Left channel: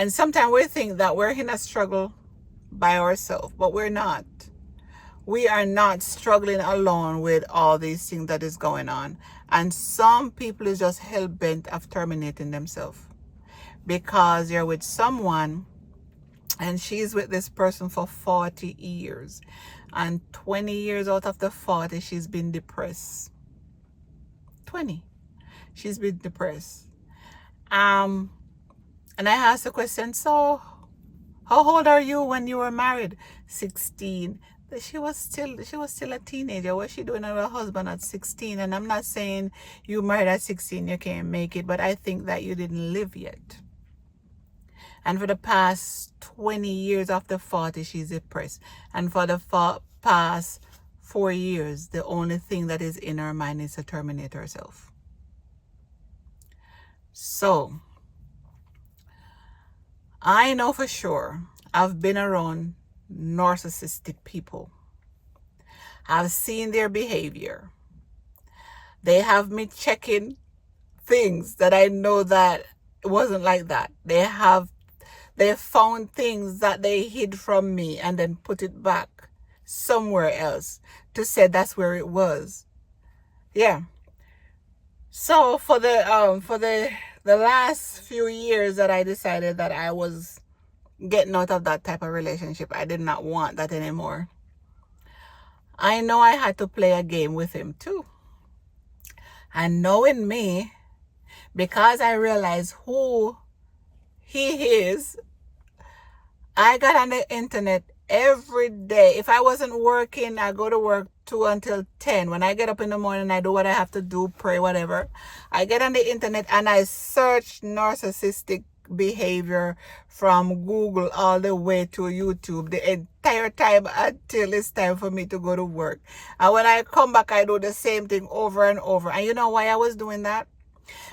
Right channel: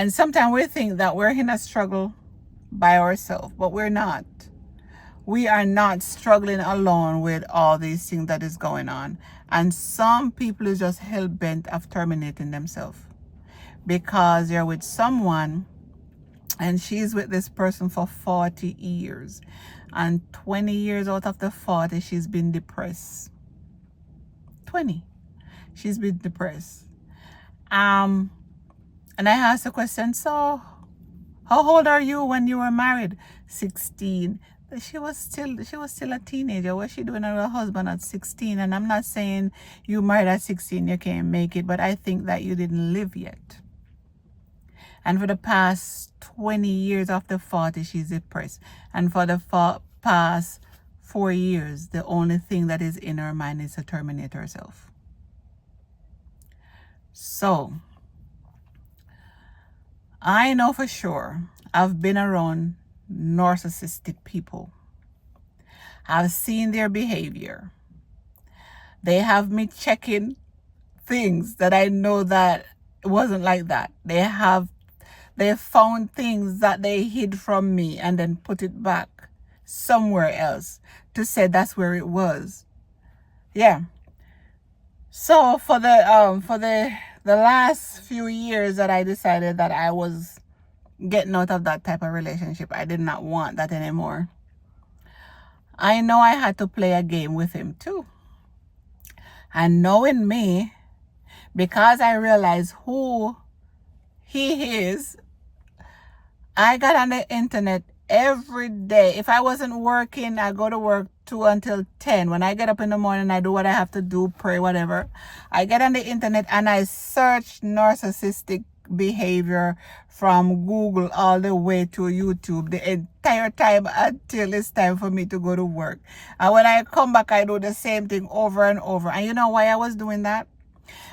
And sometimes we think that we're in a struggle by ourselves, but we're not. We are not struggling alone with all these things that is going on. And some people is just hell-bent of terminating themselves because you're with someone and she's with this person for 40 years. And 20 years out of the 40, she's been depressed. 20. She's been depressed. And I asked the question, so how old are you when you were married? 16. But she was still a teenager. What's she doing with her husband at 16? And I'm not saying you married at 16, you can't make it, but I think that you didn't live yet. And for the past 20 years after 40, she's depressed. And for the past 4 years, the only thing that is in her mind is to terminate herself. So, I know for sure I've been around narcissistic people. I've seen their behavior. They have me checking things that I know that it wasn't like that. They found things that they hid from me and then put it back somewhere else to say that's where it was. Yeah. So for the last few years that I decided that I was getting out of that type of relationship, I did not want that anymore. I know I had to play a game with him too. And knowing me, because I realized who he is, I got on the internet every day. If I wasn't working, I go to work 2 until 10. When I get up in the morning, I do what I have to do, pray, whatever. I get on the internet and I search narcissistic behavior from Google all the way to YouTube the entire time until it's time for me to go to work. And when I come back, I do the same thing over and over. And you know why I was doing that?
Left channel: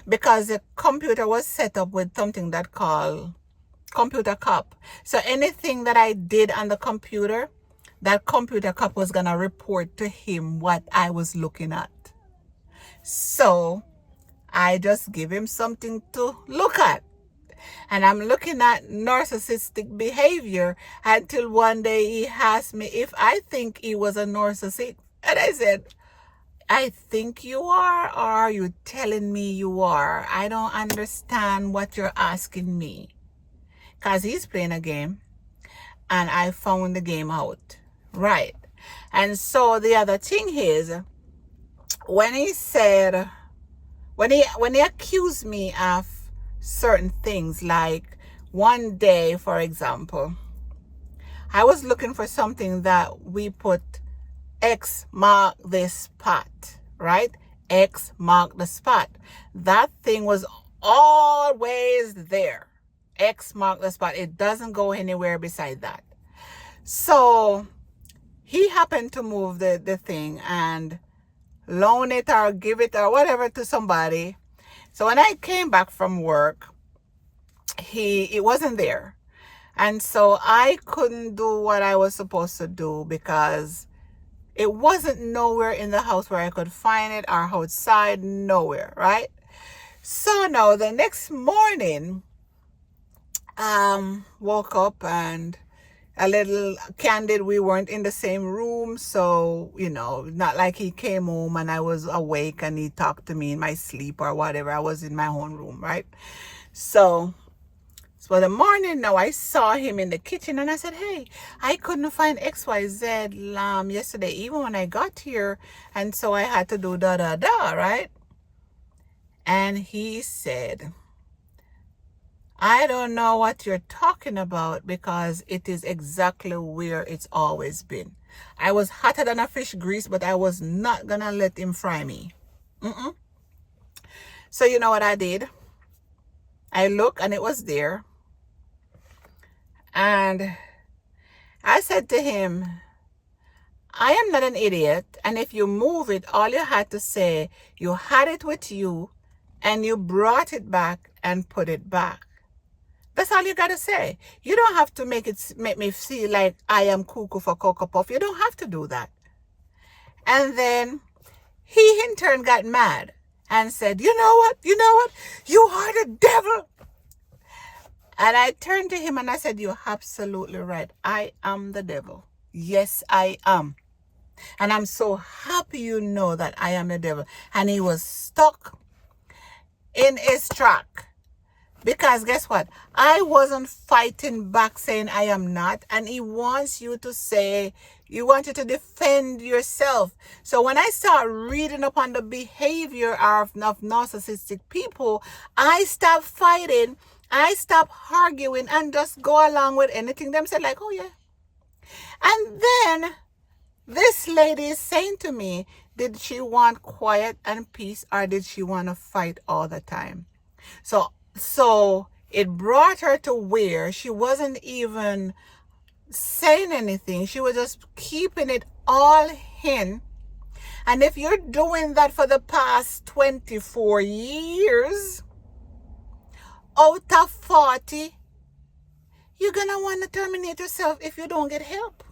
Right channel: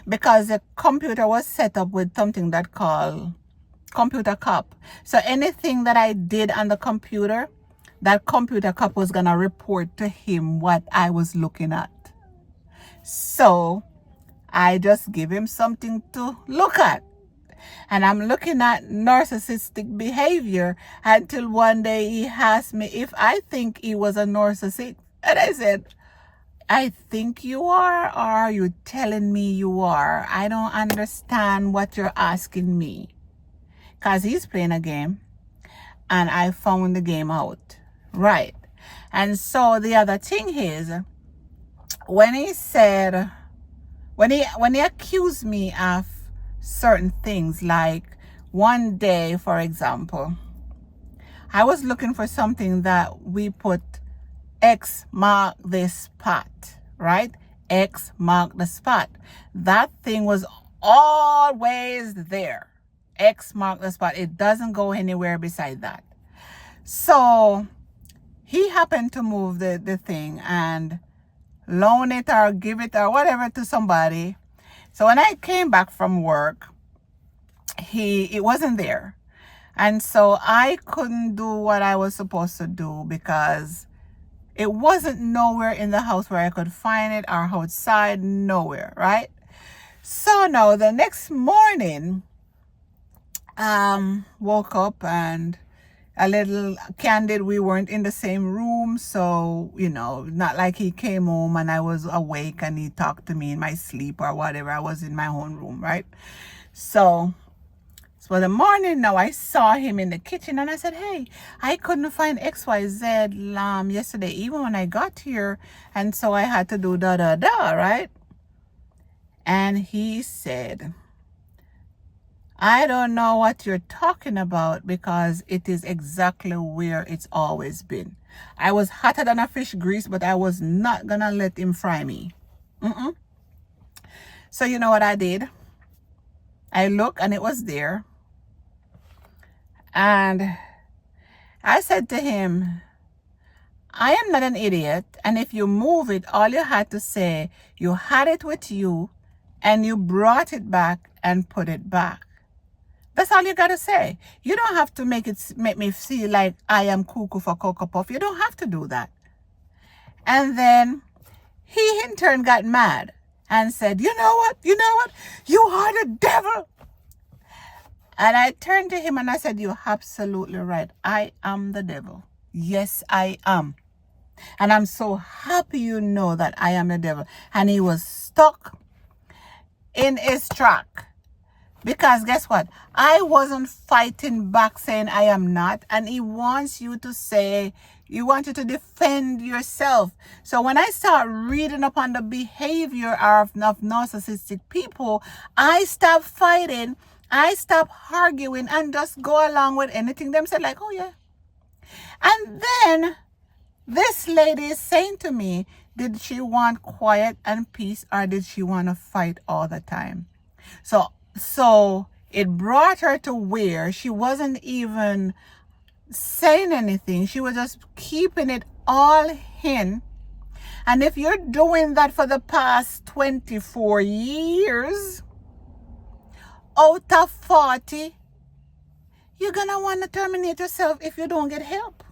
Because the computer was set up with something that called computer cop. So anything that I did on the computer, that computer cop was gonna report to him what I was looking at. So I just give him something to look at. And I'm looking at narcissistic behavior until one day he asked me if I think he was a narcissist. And I said, I think you are, or are you telling me you are? I don't understand what you're asking me. Because he's playing a game and I found the game out. Right. And so the other thing is, when he said, when he accused me of certain things, like one day, for example, I was looking for something that we put X mark the spot, right? X mark the spot. That thing was always there. X mark the spot. It doesn't go anywhere beside that. So he happened to move the thing and loan it or give it or whatever to somebody. So when I came back from work, it wasn't there. And so I couldn't do what I was supposed to do because it wasn't nowhere in the house where I could find it, or outside, nowhere, right? So now the next morning, woke up and a little candid, we weren't in the same room, so not like he came home and I was awake and he talked to me in my sleep or whatever. I was in my own room, right? So the morning now, I saw him in the kitchen and I said, hey, I couldn't find XYZ yesterday even when I got here, and so I had to do right? And he said, I don't know what you're talking about because it is exactly where it's always been. I was hotter than a fish grease, but I was not gonna let him fry me. So you know what I did? I looked and it was there. And I said to him, I am not an idiot. And if you move it, all you had to say, you had it with you and you brought it back and put it back. That's all you got to say. You don't have to make me feel like I am cuckoo for Cocoa Puff. You don't have to do that. And then he in turn got mad and said, you know what? You are the devil. And I turned to him and I said, you're absolutely right. I am the devil. Yes, I am. And I'm so happy you know that I am the devil. And he was stuck in his track. Because guess what? I wasn't fighting back saying I am not. And he wants you to say, you want you to defend yourself. So when I start reading upon the behavior of narcissistic people, I stop fighting. I stop arguing and just go along with anything them say like, oh yeah. And then this lady is saying to me, did she want quiet and peace or did she want to fight all the time? So it brought her to where she wasn't even saying anything. She was just keeping it all in. And if you're doing that for the past 24 years, out of 40, you're going to want to terminate yourself if you don't get help.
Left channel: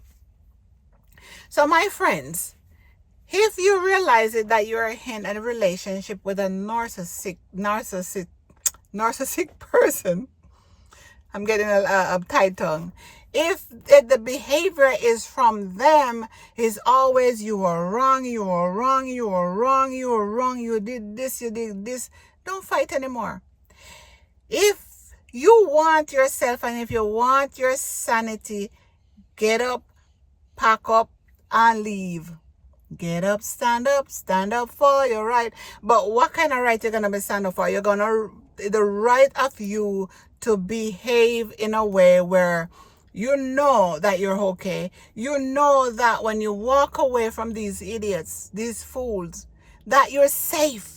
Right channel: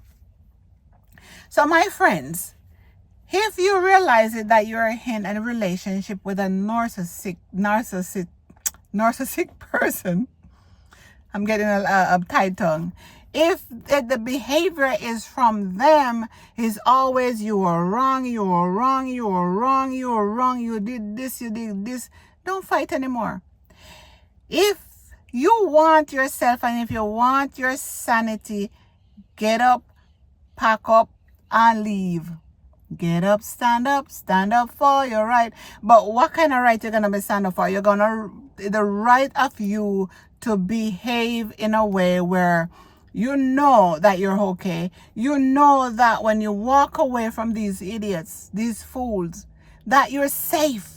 So my friends, if you realize it that you're in a relationship with a narcissistic person, I'm getting a tight tongue. If the behavior is from them, is always you are wrong, you are wrong, you are wrong, you are wrong, you did this, don't fight anymore. If you want yourself and if you want your sanity, get up, pack up, and leave. Get up, stand up for your right. But what kind of right you're going to be stand up for? You're going to, the right of you to behave in a way where you know that you're okay. You know that when you walk away from these idiots, these fools, that you're safe.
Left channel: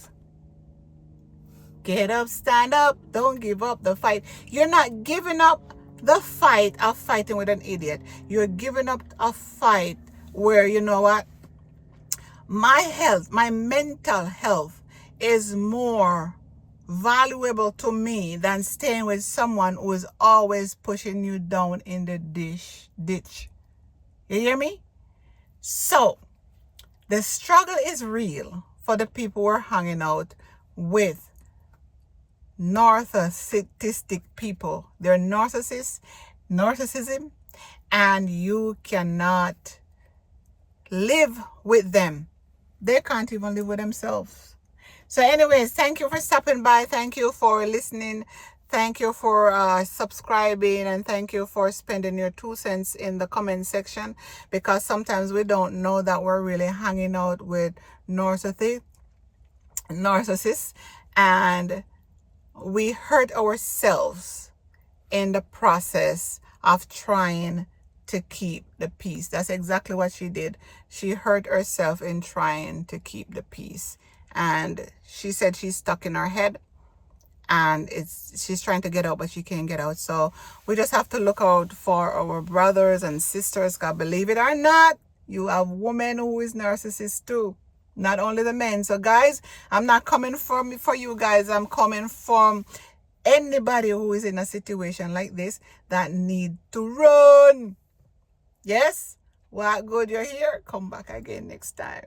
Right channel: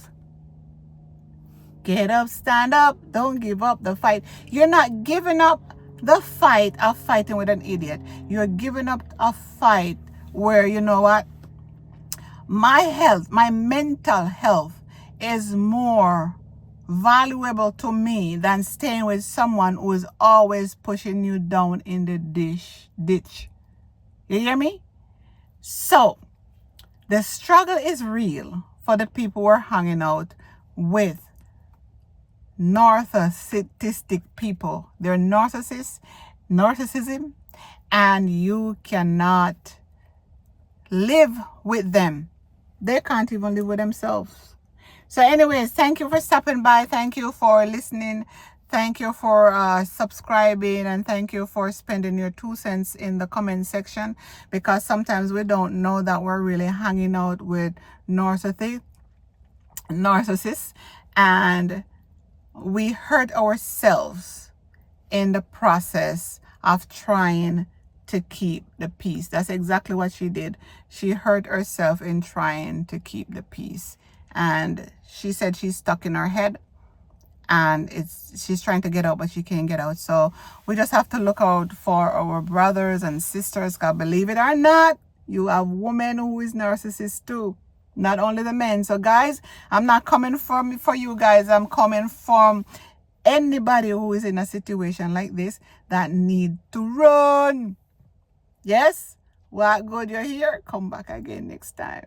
Get up, stand up. Don't give up the fight. You're not giving up the fight of fighting with an idiot. You're giving up a fight where, you know what? My health, my mental health is more valuable to me than staying with someone who is always pushing you down in the ditch. You hear me? So, the struggle is real for the people who are hanging out with narcissistic people. They're narcissism, and you cannot live with them. They can't even live with themselves. So anyways, thank you for stopping by. Thank you for listening. Thank you for subscribing, and thank you for spending your 2 cents in the comment section, because sometimes we don't know that we're really hanging out with narcissists, and we hurt ourselves in the process of trying to keep the peace. That's exactly what she did. She hurt herself in trying to keep the peace. And she said she's stuck in her head and she's trying to get out, but she can't get out. So we just have to look out for our brothers and sisters, because believe it or not, you have women who is narcissists too. Not only the men. So guys, I'm not coming for you guys. I'm coming from anybody who is in a situation like this that need to run. Yes? What good you're here? Come back again next time.